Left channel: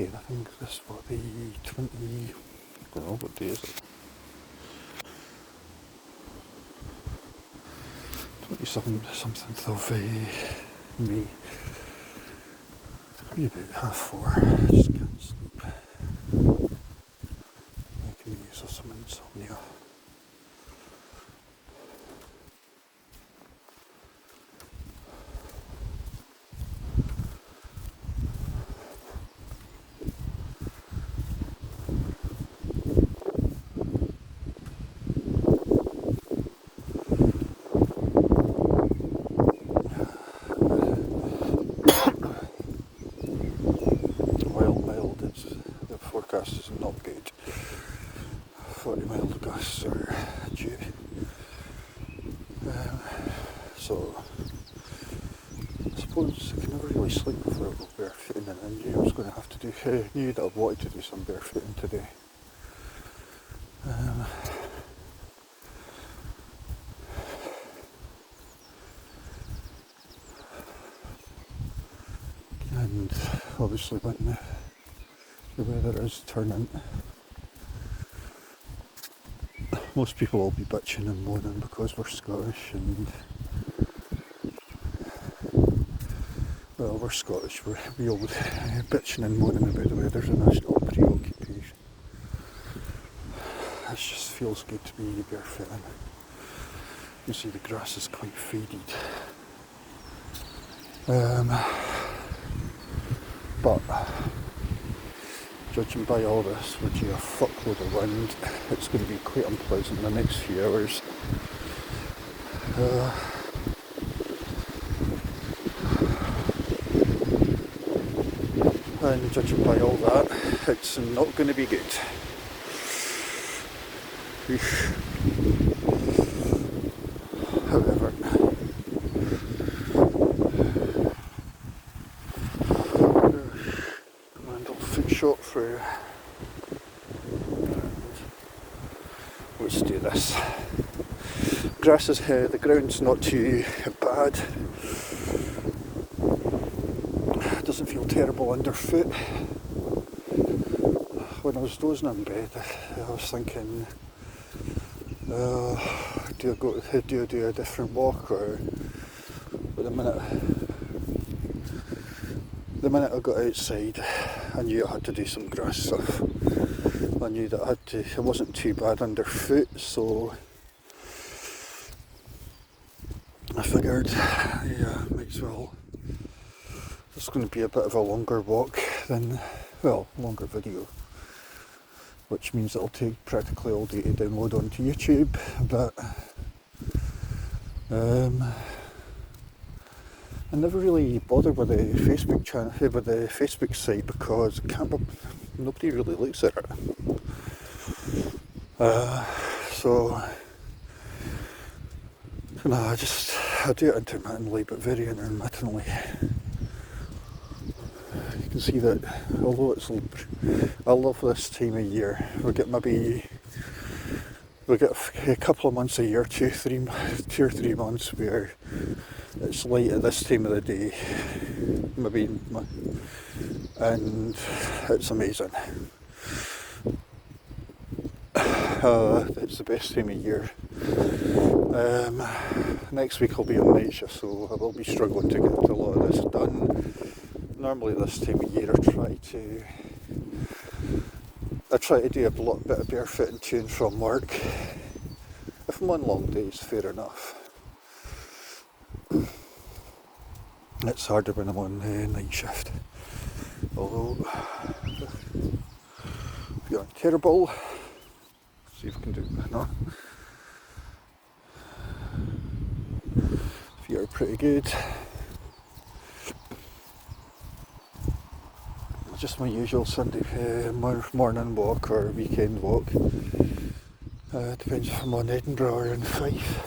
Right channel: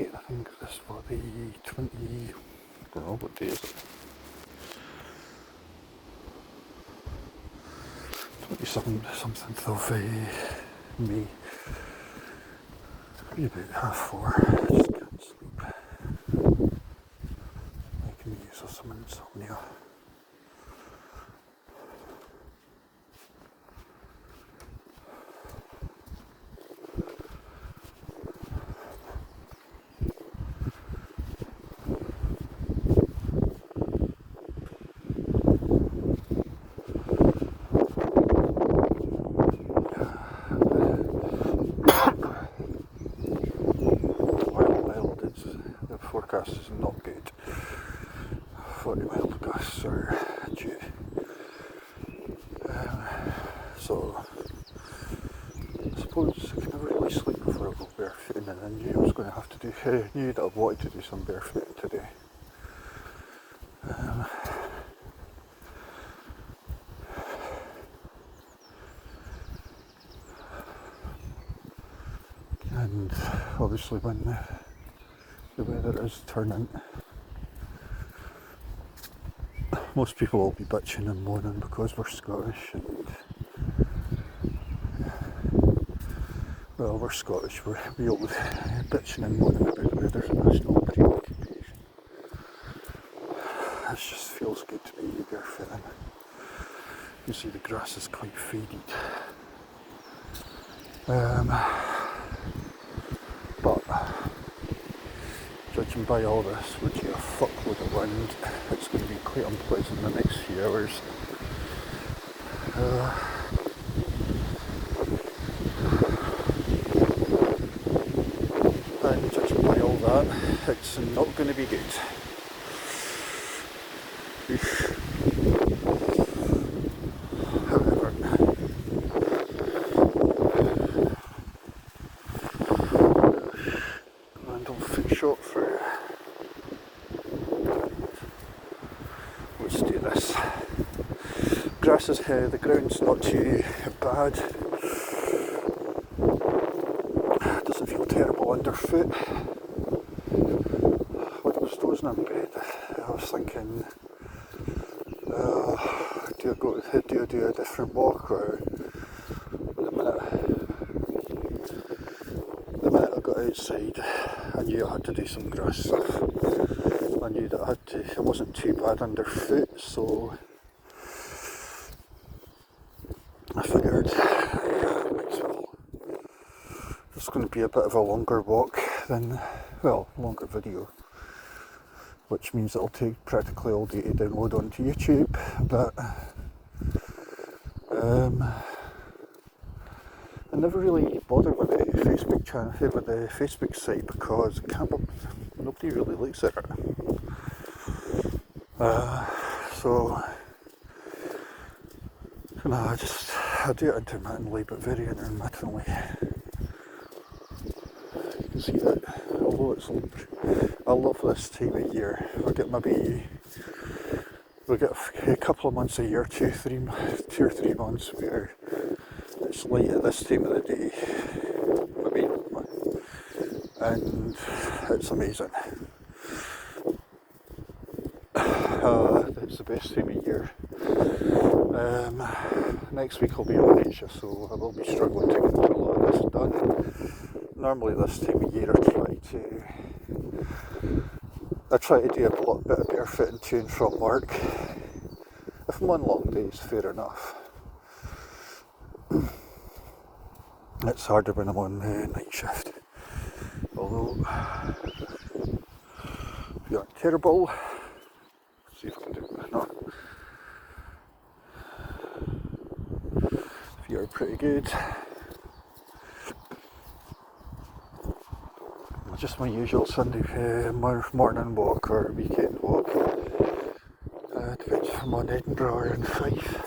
again. I think this will be 20, I don't know, what day is it? 27th of May. Maybe about 4:30. I just can't sleep. Making use of some insomnia. The forecast is not good. 40-mile gusts are due. So I suppose I can never really sleep before I go barefooting, and I knew I was going to have to do. Knew that I wanted to do some barefooting today. And obviously when the weather is turning, most people will be bitching and moaning because we're Scottish, and well, we're Scottish, we always bitching and moaning about the weather, and that's not a preoccupation. It just feels good to be barefooting. You can see the grass is quite faded. But judging by all this, with a fuckload of wind, it's going to be quite unpleasant in the next few hours. And judging by all that, it's not going to be good. However, shot through. Let's do this. Grass is here, the ground's not too bad. Doesn't feel terrible underfoot. When I was dozing in bed, I was thinking, do I do a different walk, or the minute I got outside, I knew I had to do some grass stuff. I knew that it wasn't too bad underfoot, so I figured might as well. It's going to be a bit of a longer walk longer video, which means it'll take practically all day to download onto YouTube, but I never really bothered with the Facebook channel, with the Facebook site, because nobody really looks at it. So no, I do it intermittently, but very intermittently. You can see that although it's I love this time of year. We get a couple of months a year, 2 or 3 months where it's light at this time of the day, and it's amazing. It's the best time of year. Next week I'll be on Asia, so I will be struggling to get a lot of this done. Normally this time of year I try to do a bit of barefooting to and from work. If I'm on long days, fair enough. It's harder when I'm on night shift. Although, if you're terrible, see if I can do it. No. If you're pretty good. Just my usual Sunday morning walk or weekend walk. Depends if I'm on Edinburgh or in Fife.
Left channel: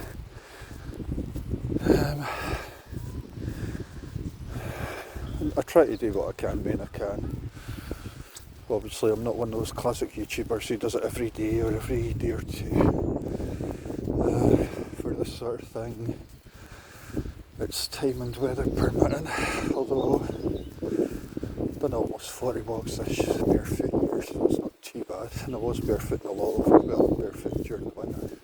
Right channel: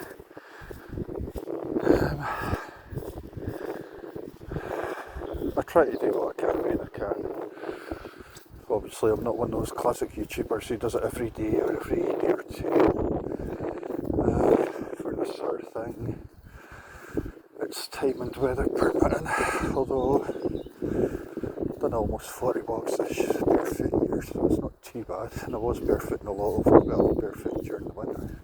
I try to do what I can when I can. Obviously I'm not one of those classic YouTubers who does it every day or every day or two. For this sort of thing, it's time and weather permitting, although done almost 40 walks this barefoot year, so it's not too bad. And I was barefooting a lot over, well, barefoot during the winter.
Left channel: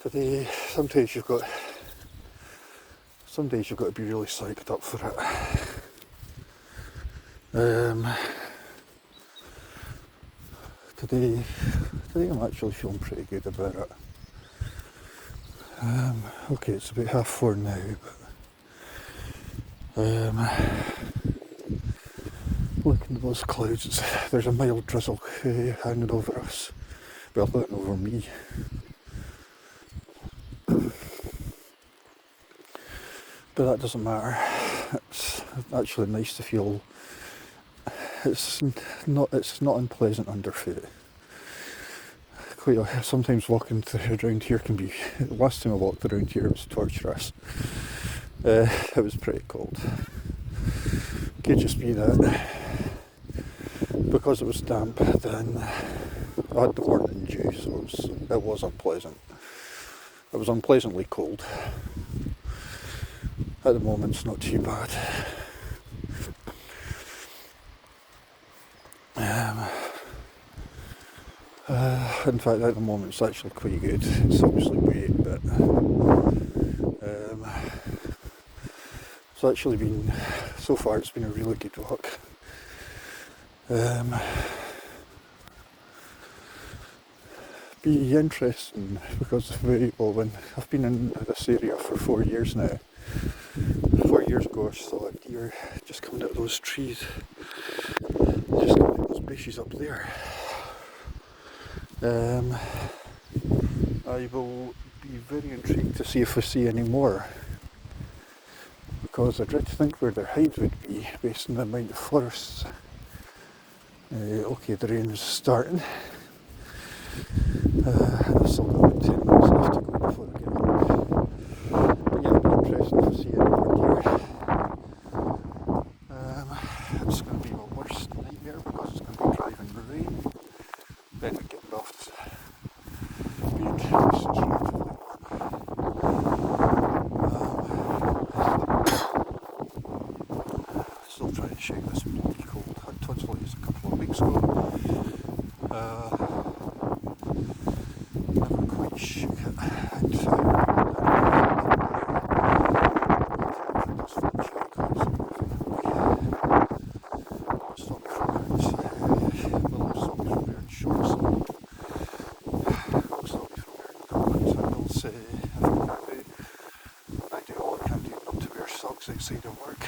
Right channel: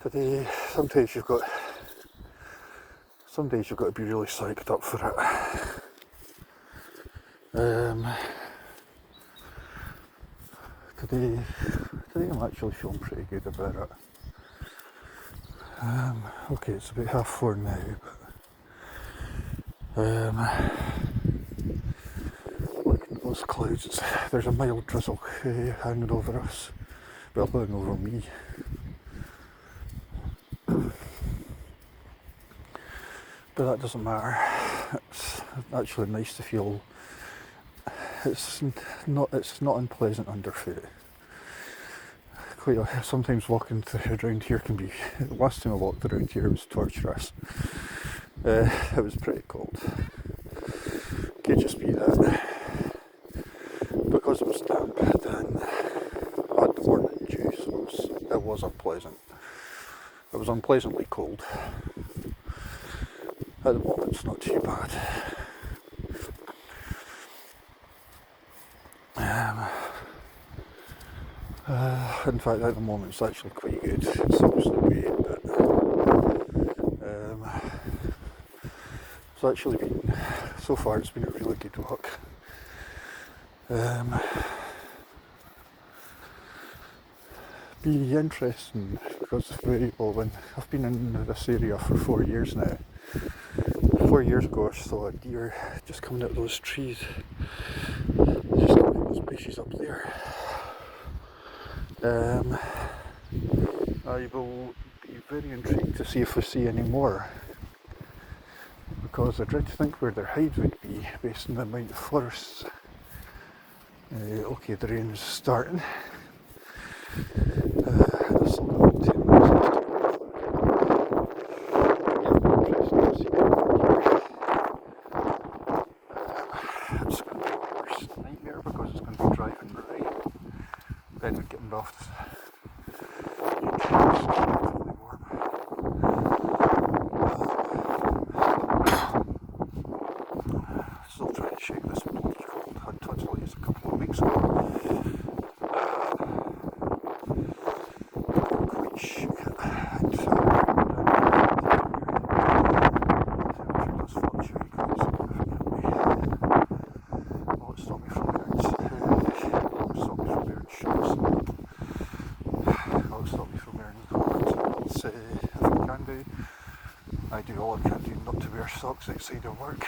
Today, some days you've got to be really psyched up for it. Today I'm actually feeling pretty good about it. Okay, it's about 4:30 now, but looking at those clouds, there's a mild drizzle hanging over us, well, hanging over me. But that doesn't matter. It's actually nice to feel. It's not unpleasant underfoot. Sometimes walking around here can be. The last time I walked around here was torturous. It was pretty cold. It could just be that because it was damp, then I had the morning dew, so it was unpleasant. It was unpleasantly cold. At the moment, it's not too bad. In fact, at the moment, it's actually quite good. It's obviously great, but it's actually been, so far, it's been a really good walk. Be interesting because when I've been in this area for 4 years now. 4 years ago, I saw a deer just coming out of those trees, just coming out of those bushes up there. I will be very intrigued to see if I see any more, because I dread to think where their hide would be based on the amount of forests. Okay, the rain is starting. I've still got 10 minutes left to go before I get interested to see any more deer. It's going to be my worst nightmare because it's going to be driving rain, then getting off the still trying to shake this bloody cold. I had tonsillitis a couple of weeks ago. Quite shook it. I do all I can do not to wear socks outside of work.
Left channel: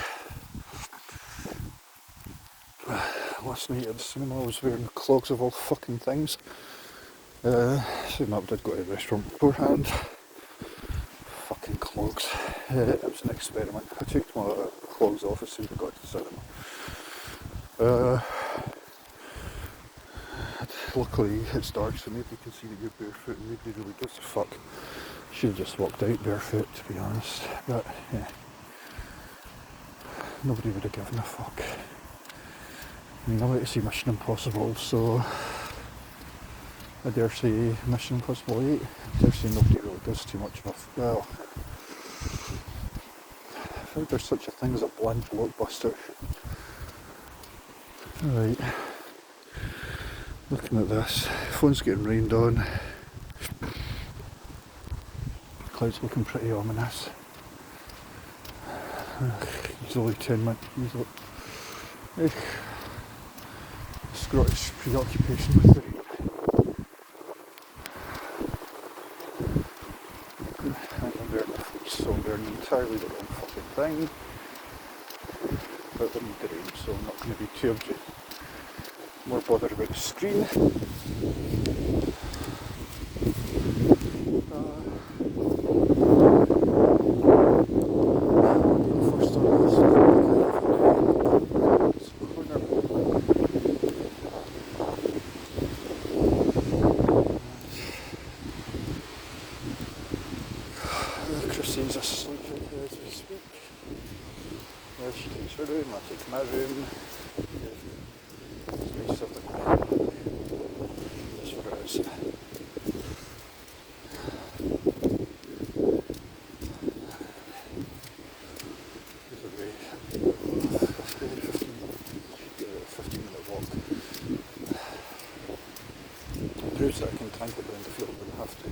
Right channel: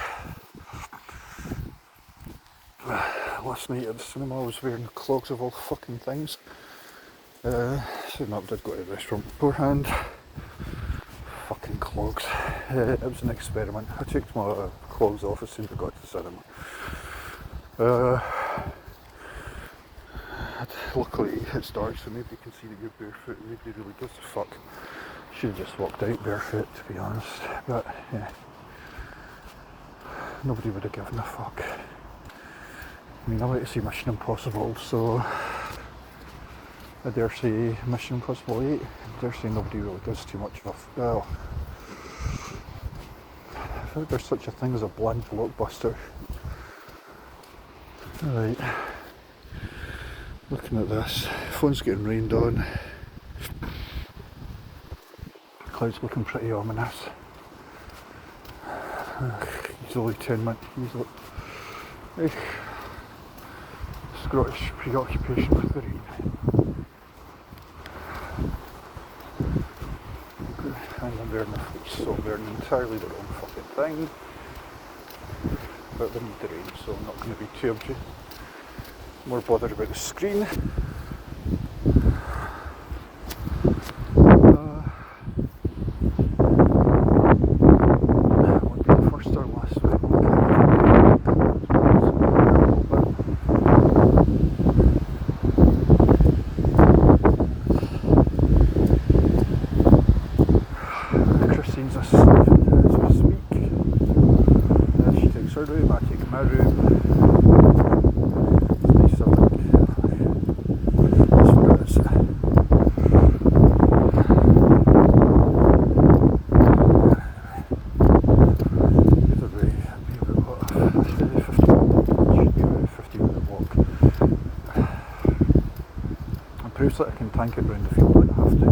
Last night at the cinema I was wearing clogs of all fucking things. So I did go to the restaurant beforehand. Fucking clogs. It was an experiment. I took my clogs off as soon as I got to the cinema. Luckily it's dark, so maybe you can see that you're barefoot and nobody really gives a fuck. Should have just walked out barefoot, to be honest, but yeah, nobody would have given a fuck. I mean, I like to see Mission Impossible, so I dare say Mission Impossible 8, I dare say nobody really gives too much of a well, I think there's such a thing as a bland blockbuster. Right, looking at this, phone's getting rained on. Clouds looking pretty ominous. Easily 10 minutes, easily. Scottish preoccupation with the rain. And I'm wearing a fleece, so I'm wearing entirely the wrong fucking thing. But they need the rain, so I'm not going to be too more bothered about the screen. This as we speak. She takes her room, I take my room. It's nice, that's where it is. proves that I can tank it around the field when I have to.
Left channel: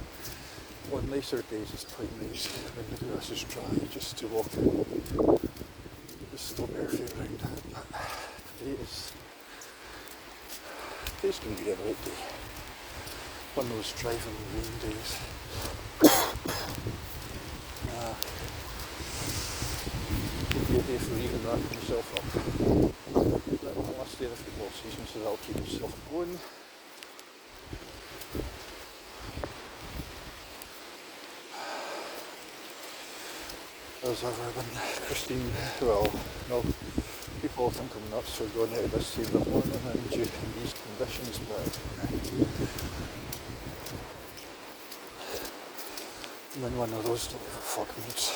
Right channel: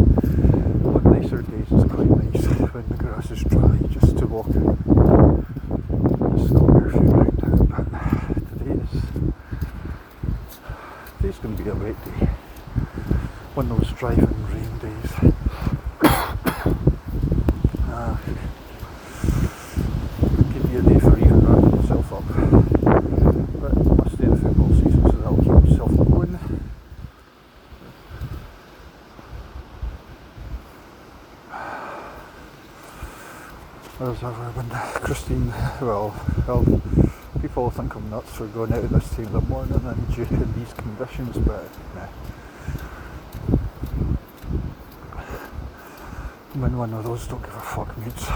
On nicer days it's quite nice when the grass is dry just to walk out and just go barefoot around it. But today's going to be a wet day. One of those driving rain days. Could be a day for even wrapping myself up. But last day of the football season, so that'll keep myself going. As ever, when Christine, well, people think I'm nuts for going out at this time of the morning and in these conditions, but I'm in one of those don't give a fuck moods.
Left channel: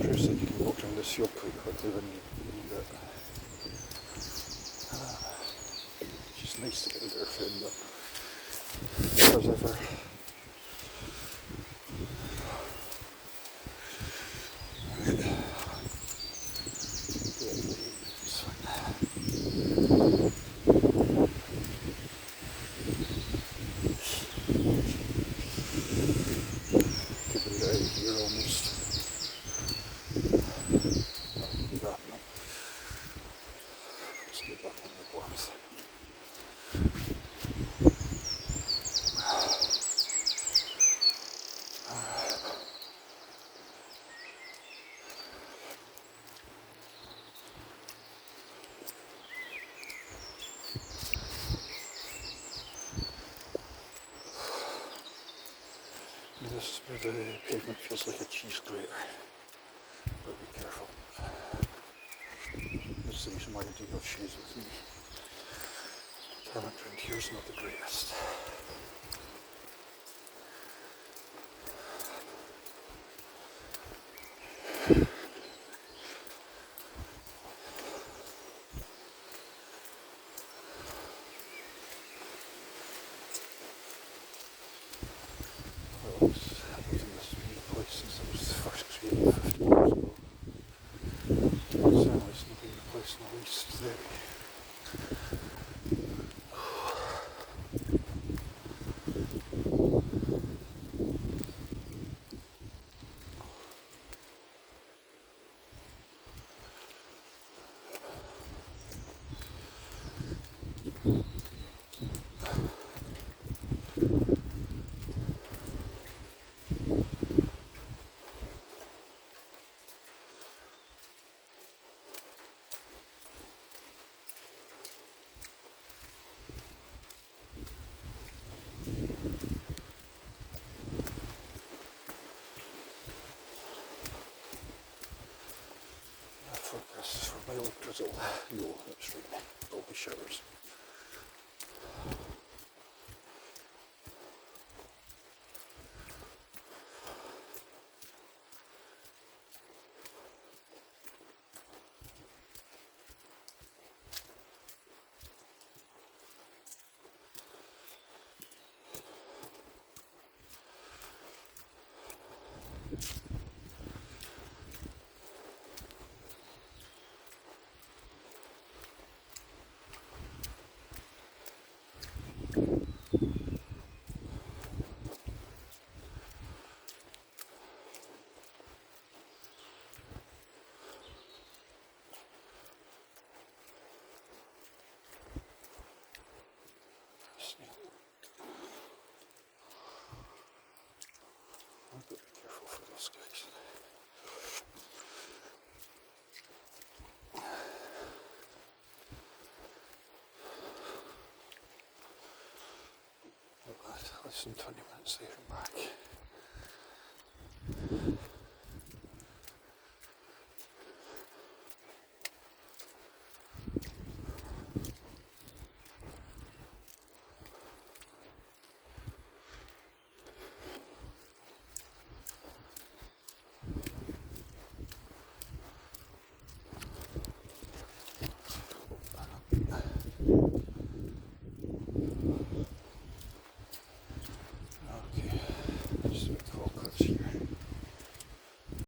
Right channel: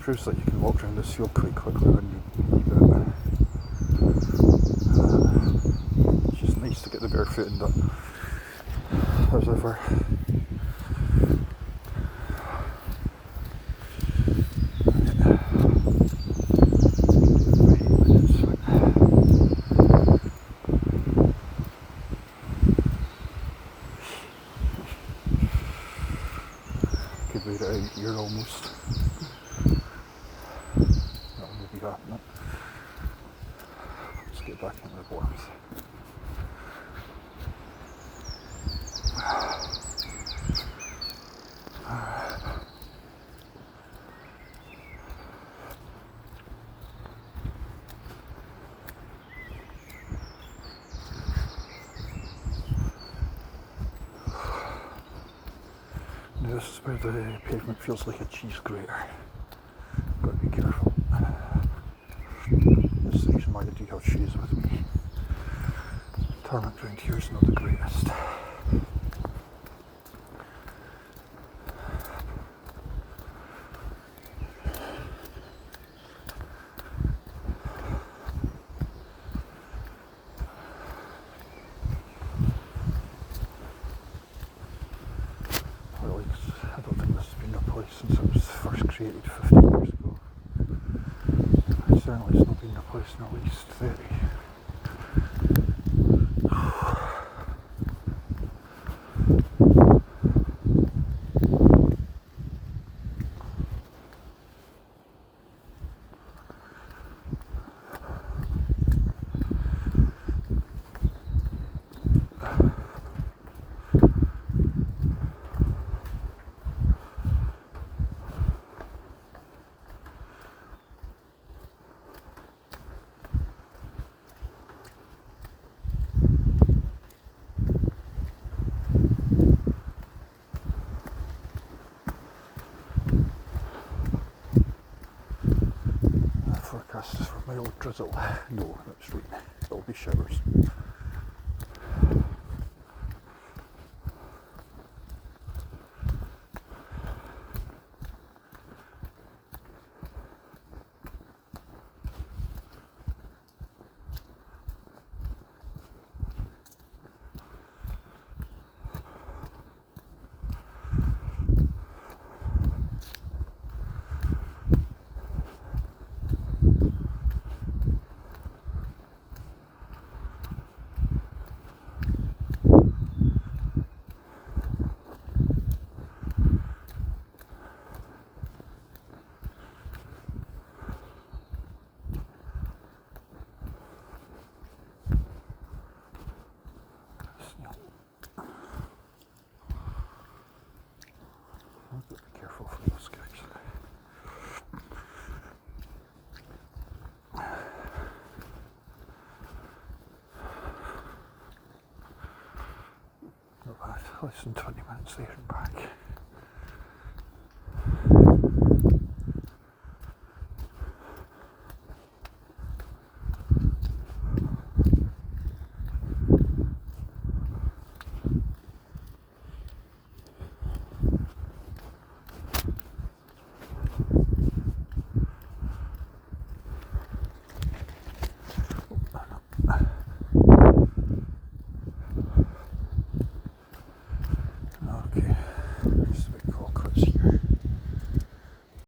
Proves that you can walk around this field quite quickly when you need it. It's just nice to get the barefooting done. As ever. Could wait it out here almost. That'll be that. Let's get back into the warmth. This is where the pavement feels like a cheese grater. Gotta be careful. This is the reason why I do have shoes with me. Tarmac around here is not the greatest. I don't think this has been a place since it was first created 50 years ago. Certainly it's not been a place in at least 30. Forecast is for mild drizzle. No, that's right. There'll be showers. I've got to be careful for those guys. Not bad, less than 20 minutes there and back.